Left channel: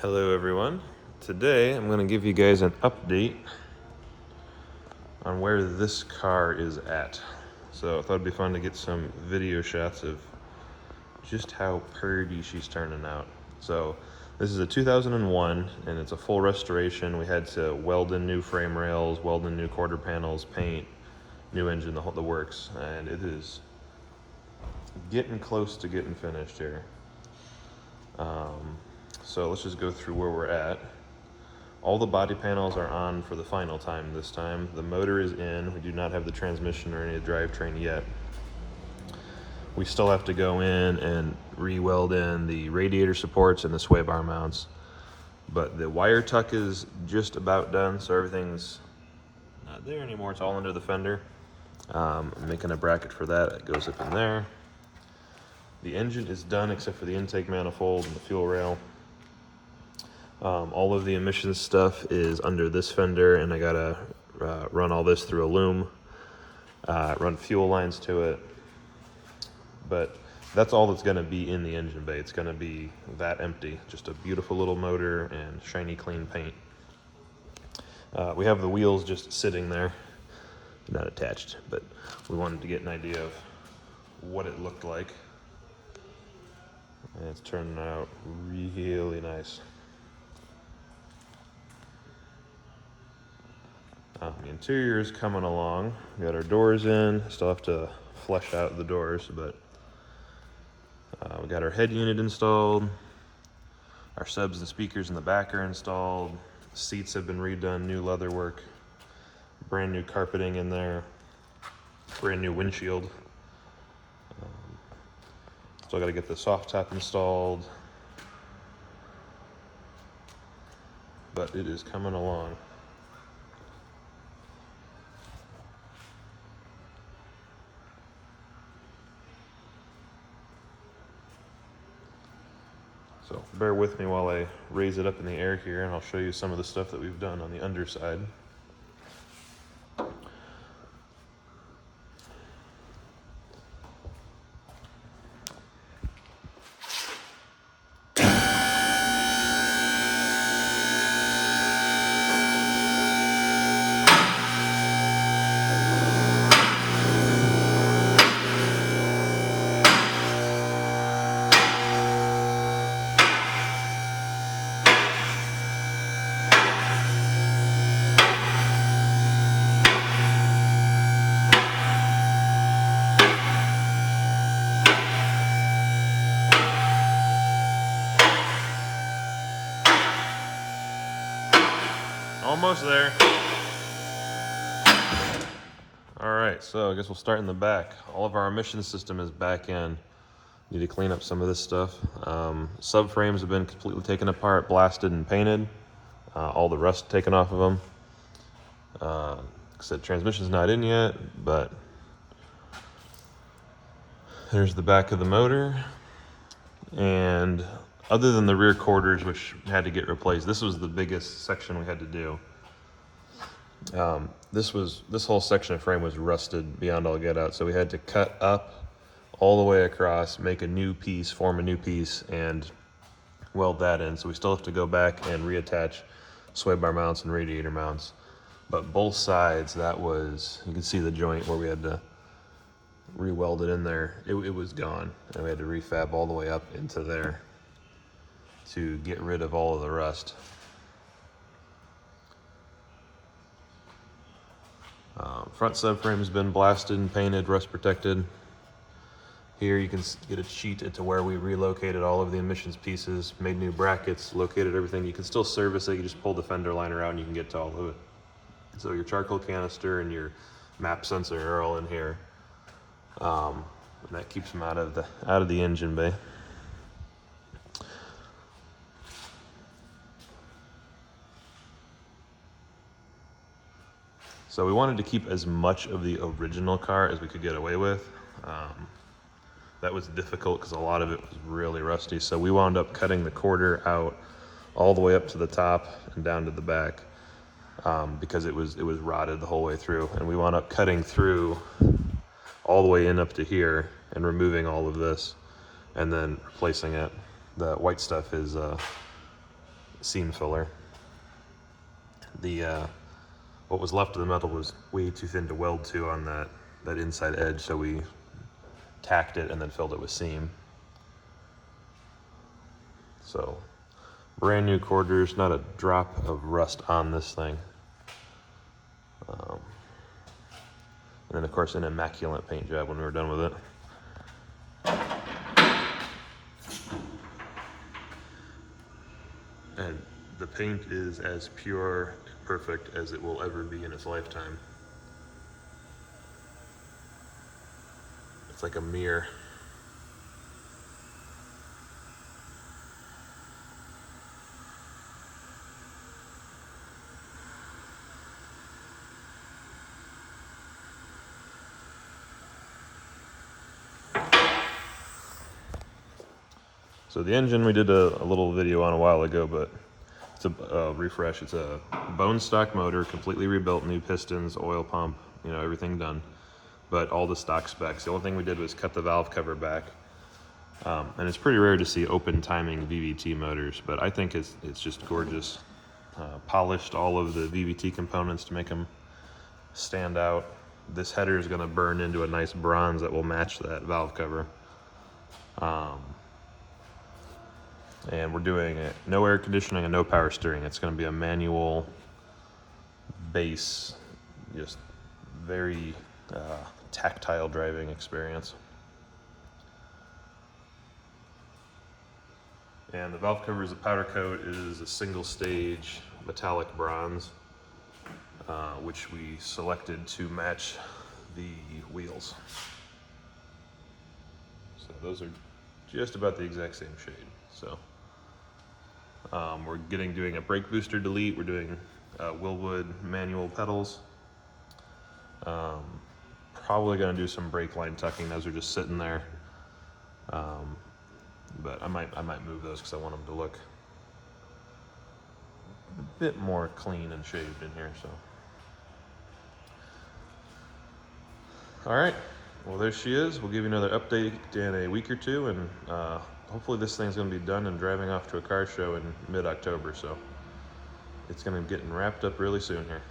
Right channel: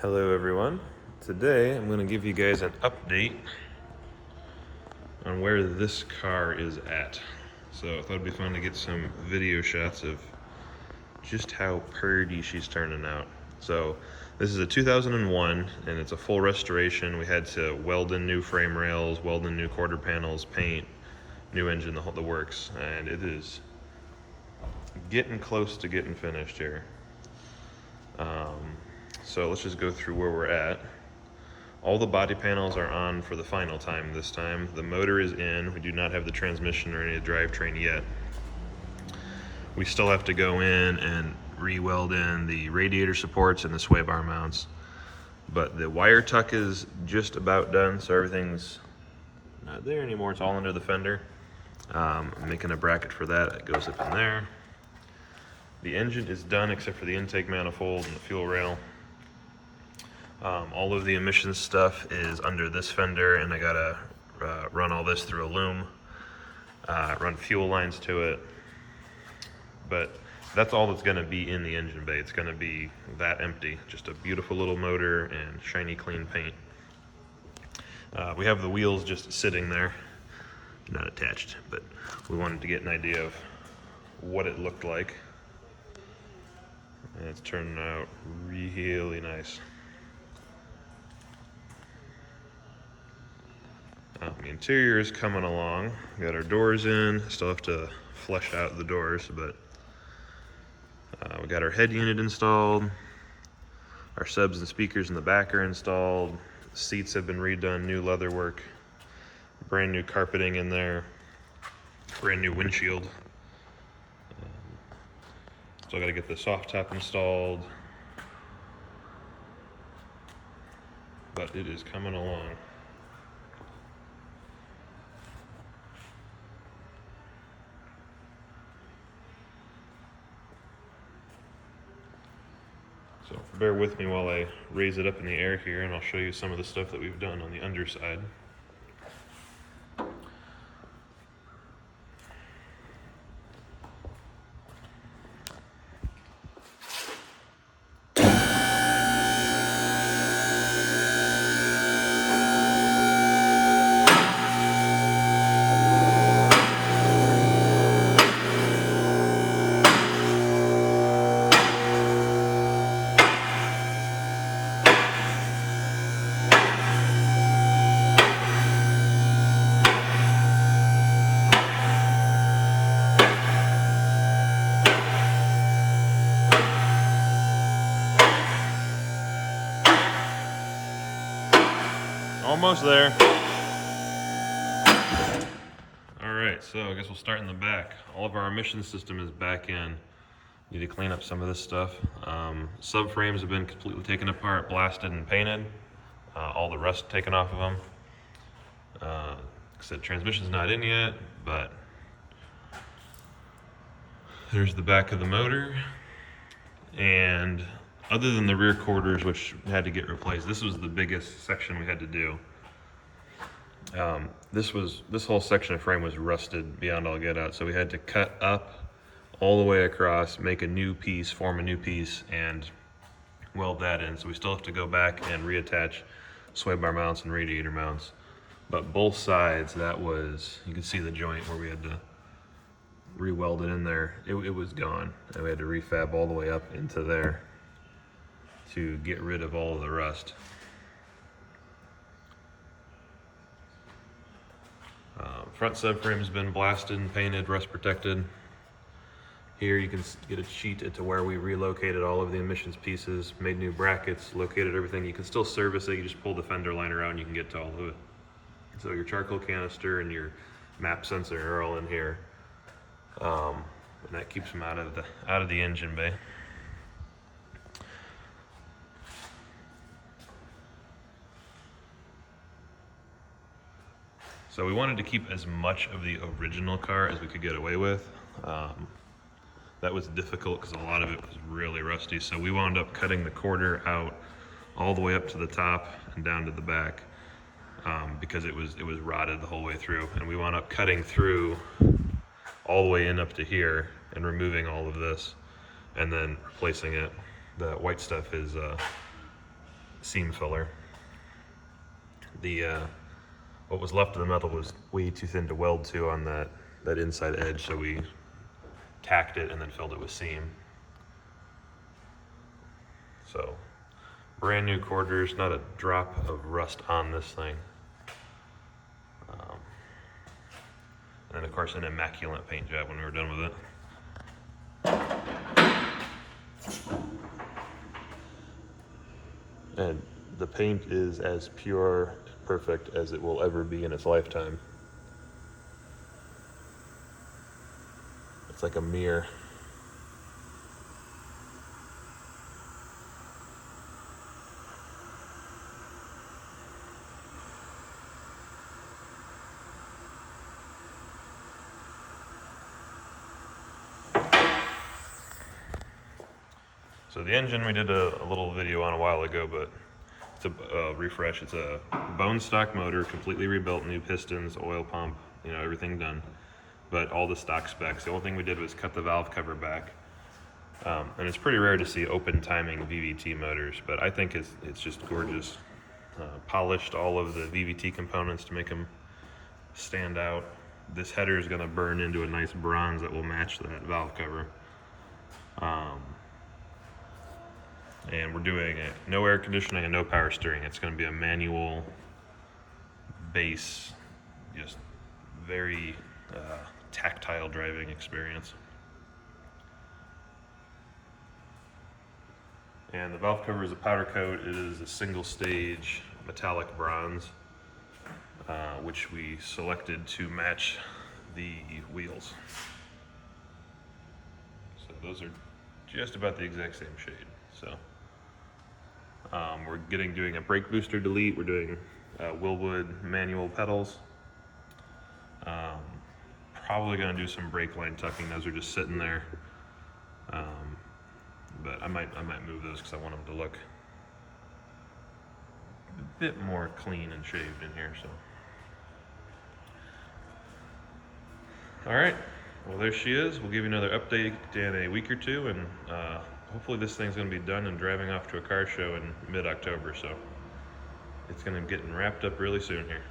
Hello everyone. Today I'm going to give you guys an update on where this car is at. So I thought it'd be fun to get some video shots of just how pretty she's turning out. So this is a 2001 and it's a full restoration. We had to weld in new frame rails, weld in new quarter panels, paint, new engine, the works, and it is getting close to getting finished here. So let's just go through where we're at. All the body panels are on for the final time this time. The motor is in. We do not have the transmission or any drivetrain yet. We still have to go in and re-weld in the radiator supports and the sway bar mounts. But the wire tuck is just about done, so everything's not there anymore. It's all under the fender. I'm making a bracket for that. It goes up in there. The engine is done except for the intake manifold and the fuel rail. All of the emissions stuff is under this fender, and I gotta run all this through a loom, run fuel lines to it. But that's all that's gonna be in the engine bay. It's gonna be that empty, just a beautiful little motor and shiny clean paint. We have the wheels just sitting there, not attached, but we wanted to get an idea of what it looked like. And it's turning out really nice. The interior is coming along. We got our doors in. Still have to flesh out the doors, but we got our head unit installed. Our subs and speakers in the back are installed. Seats have been redone, new leather work, brand new carpeting in there, brand new windshield. Still got to get the soft top installed, but it is coming along. So bear with me while I raise it up in the air here, and I'll show you some of the stuff that we've done on the underside. Almost there. All right, so I guess we'll start in the back. All of our emission system is back in. Need to clean up some of this stuff. Subframes have been completely taken apart, blasted and painted. All the rust taken off of them. Like I said, transmission's not in yet, but there's the back of the motor. And other than the rear quarters, which had to get replaced, this was the biggest section we had to do. This whole section of frame was rusted beyond all get out, so we had to cut up all the way across, make a new piece, form a new piece, and weld that in. So we still have to go back and reattach sway bar mounts and radiator mounts. But both sides, that was, you can see the joint where we had to re-weld it in there. It was gone, and we had to refab all the way up into there to get rid of all of the rust. Front subframe has been blasted and painted, rust protected. Here you can get a sheet into where we relocated all of the emissions pieces, made new brackets, located everything. You can still service it, you just pull the fender liner out and you can get to all of it. So your charcoal canister and your map sensor are all in here. And that keeps them out of the engine bay. So we wanted to keep as much of the original car as we could get away with. That was difficult because a lot of it was really rusty. So we wound up cutting the quarter out all the way up to the top and down to the back because it was rotted the whole way through. And we wound up cutting through all the way in up to here and removing all of this and then replacing it. The white stuff is seam filler. The what was left of the metal was way too thin to weld to on that inside edge, so we tacked it and then filled it with seam. So brand new quarters, not a drop of rust on this thing. And then of course an immaculate paint job when we were done with it. And the paint is as pure and perfect as it will ever be in its lifetime. It's like a mirror. So the engine we did a little video on a while ago, but it's a refresh. It's a bone stock motor, completely rebuilt, new pistons, oil pump, you know, everything done. But all the stock specs. The only thing we did was cut the valve cover back. And it's pretty rare to see open timing VVT motors, but I think it's just gorgeous. Polished all of the VVT components to make them stand out. This header is going to burn into a nice bronze that will match that valve cover. And we're doing it, no air conditioning and no power steering. It's going to be a manual base, just very tactile driving experience. And the valve cover is a powder coat. It is a single stage metallic bronze, which we selected to match the wheels. So those are just about the exact same shade. So we're doing a brake booster delete. We're doing Willwood manual pedals. Probably going to do some brake line tucking. Those are just sitting there. But I might move those because I want them to look a bit more clean and shaved in here. So, all right. Well, there she is. We'll give you another update in a week or two, and hopefully this thing's going to be done and driving off to a car show in mid-October. So it's going to be getting wrapped up really soon here.